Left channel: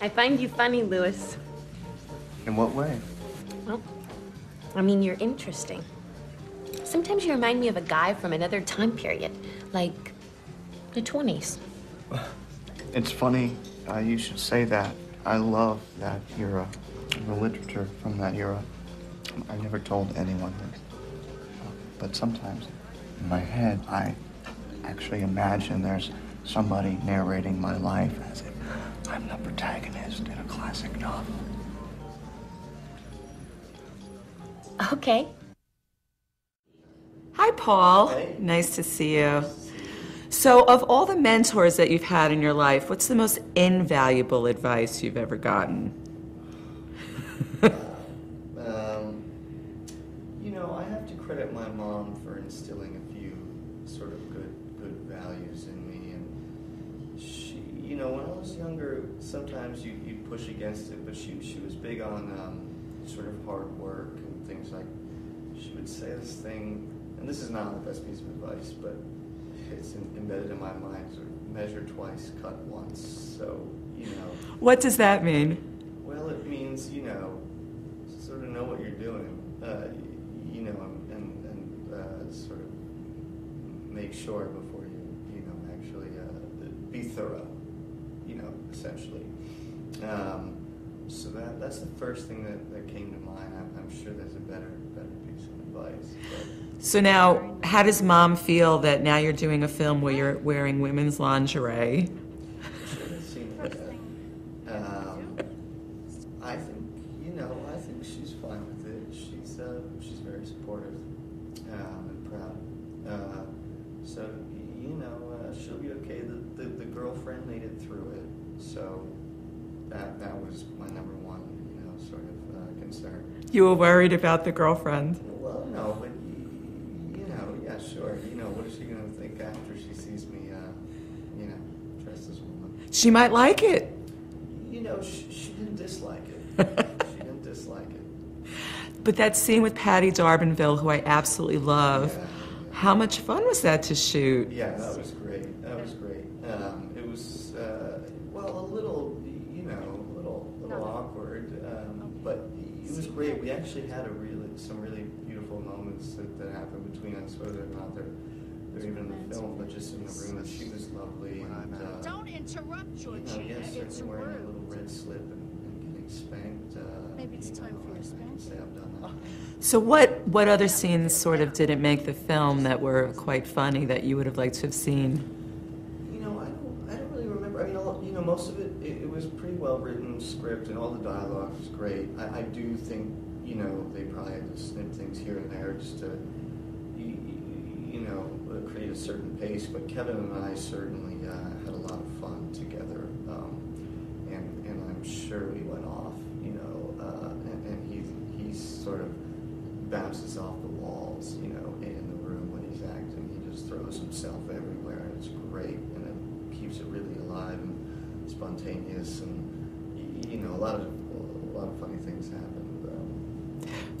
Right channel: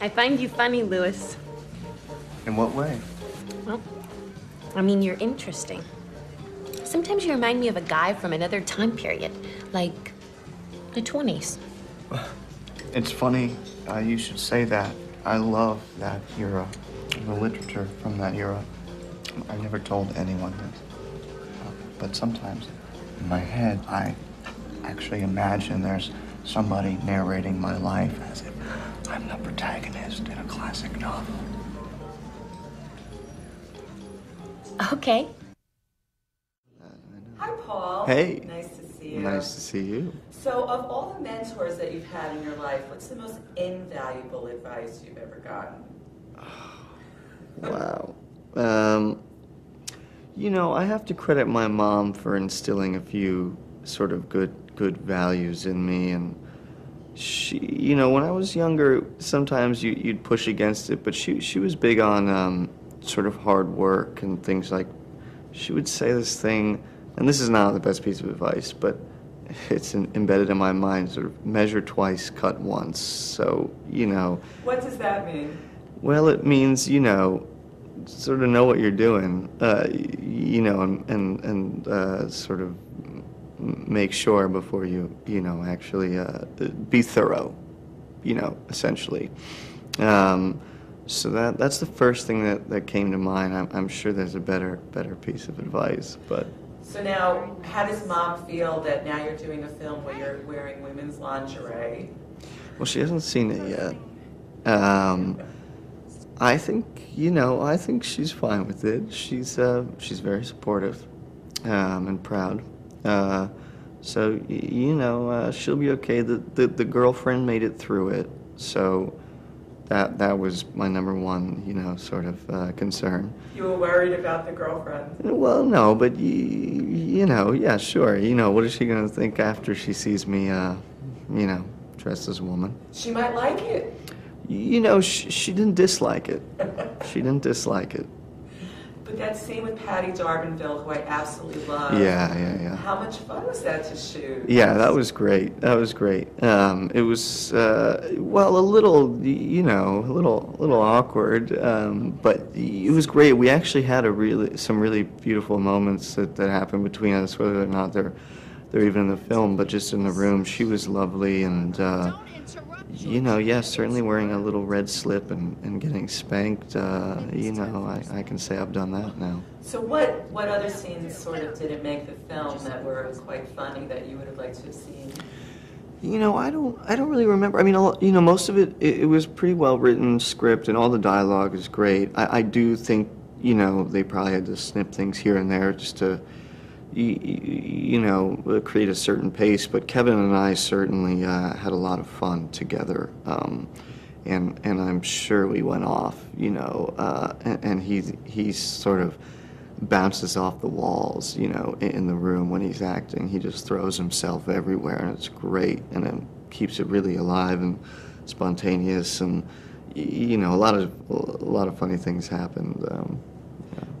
I find you funny, Louis. In what way? Well, I mean, you're interesting. Sometimes you remind me of a guy from another time period, like the 20s. It's funny you should say that. I love that era, the literature from that era. I never told anyone this. But sometimes in my head, I actually imagine there's somebody narrating my life as if I'm the protagonist in a classic novel. Okay. Hi, Paul. Hey. Nice to see you. Nice to see you. So, of all the mentors that you've had in your life, what's the most invaluable advice you've ever gotten? Wow. You know, I have to credit my mom for instilling a few sort of good values in me, and she, you know, when I was younger, sometimes you'd push against it, but she was big on sort of hard work and things like, she would say this thing, and this is not the best piece of advice, but it's embedded in my mind, sort of measure twice, cut once. So, you know. What does that mean? Well, it means, you know, sort of know what you're doing, you know, and sort of make sure before you know, actually be thorough, you know, essentially. So that's the first thing that came to mind. I'm sure there's a better piece of advice, but. So now, how does Mom feel that now you're doing a film where you're wearing women's lingerie? Well, she hasn't seen it yet. I think, you know, I think she's fine with it. She's very supportive and proud. So, you know, she'll be okay. The girlfriend made it through it, so that was my number one, you know, sort of concern. You were worried about the girlfriend? Well, no, but you know, yeah, sure. You know, what is she gonna think after she sees me, you know, dressed as a woman? She might like it. You know, she didn't dislike it. She didn't dislike it. But that scene with Patty D'Arbanville, who I absolutely love. Yeah. How much fun was that to shoot? Yeah, that was great. That was great. It was, well, a little, you know, a little awkward, but it was great. We actually had some really beautiful moments that happened between us, whether or not they're even in the film, but just in the room. She was lovely, and you know, yes, certainly wearing a little red slip and getting spanked. You know, I can say I've done that now. So what other scenes sort of didn't make the film that were quite funny that you would have liked to have seen? You know, I don't really remember. I mean, you know, most of it was pretty well written script, and all the dialogue is great. I do think, you know, they probably had to snip things here and there just to, you know, create a certain pace, but Kevin and I certainly had a lot of fun together, and I'm sure we went off, you know, and he's sort of bounces off the walls, you know, in the room when he's acting. He just throws himself everywhere, and it's great, and it keeps it really alive and spontaneous, and you know, a lot of funny things happened.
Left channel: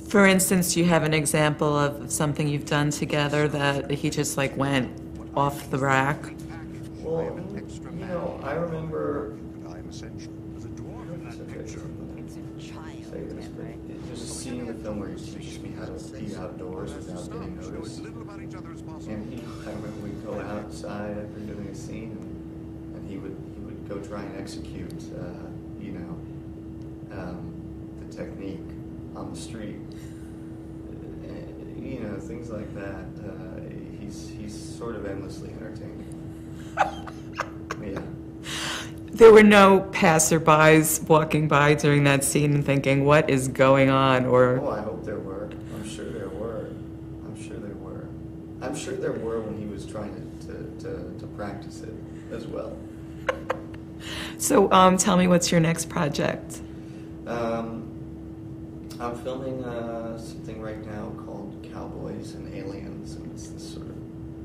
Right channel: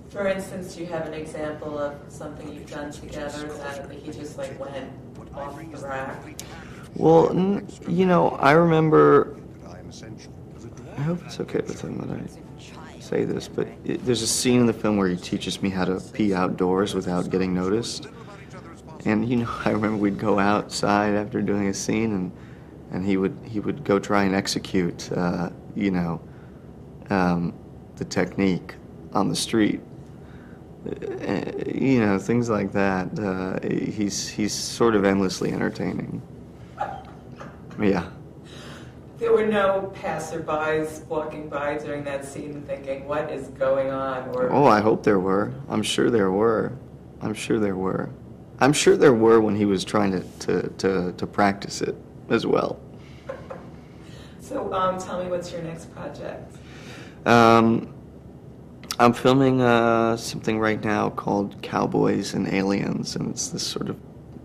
For instance, do you have an example of something you've done together that he just like went off the rack? Well, you know, I remember, I hope it's okay with him that I say this, but there's a scene in the film where he teaches me how to pee outdoors without getting noticed. And, you know, I remember we'd go outside after doing a scene, and he would go try and execute, you know, the technique on the street. You know, things like that. He's sort of endlessly entertaining. Yeah. There were no passerbys walking by during that scene and thinking, what is going on? Or oh, I hope there were. I'm sure there were. I'm sure there were. I'm sure there were when he was trying to practice it as well. So tell me, what's your next project? I'm filming something right now called Cowboys and Aliens, and it's this sort of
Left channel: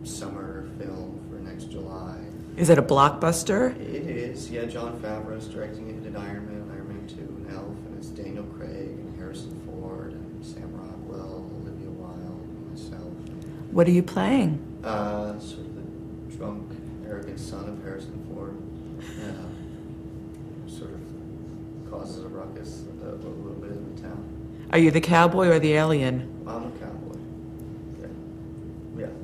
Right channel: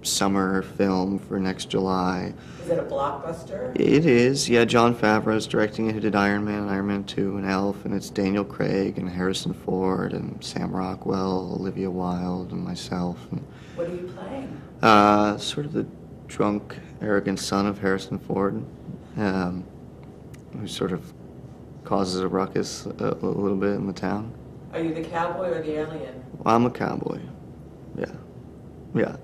summer film for next July. Is it a blockbuster? It is, yeah. Jon Favreau's directing it. He did Iron Man, Iron Man 2, and Elf, and it's Daniel Craig and Harrison Ford and Sam Rockwell, Olivia Wilde, and myself. What are you playing? Sort of the drunk, arrogant son of Harrison Ford, who's sort of causes a ruckus a little bit in the town. Are you the cowboy or the alien? I'm a cowboy. Yeah, yeah.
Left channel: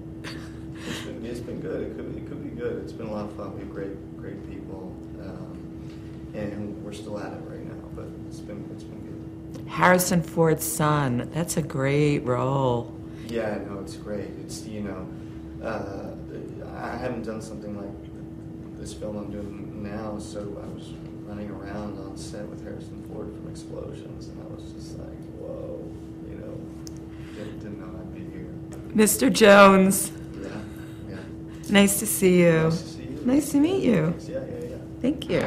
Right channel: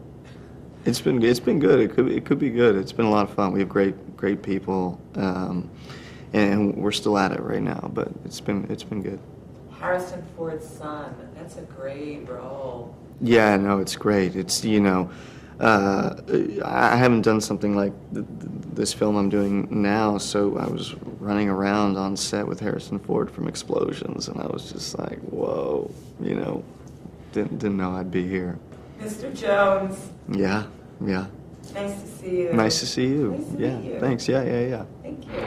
It's been good. It could be good. It's been a lot of fun. We have great people, and we're still at it right now. But it's been good. Harrison Ford's son. That's a great role. Yeah, no, it's great. It's, you know, I haven't done something like this film I'm doing now, so I was running around on set with Harrison Ford from Explosions, and I was just like, whoa, you know, didn't know I'd be here. Mr. Jones. Yeah. Nice to see you. Nice to see you. Nice to meet you. Thanks, yeah. Thank you.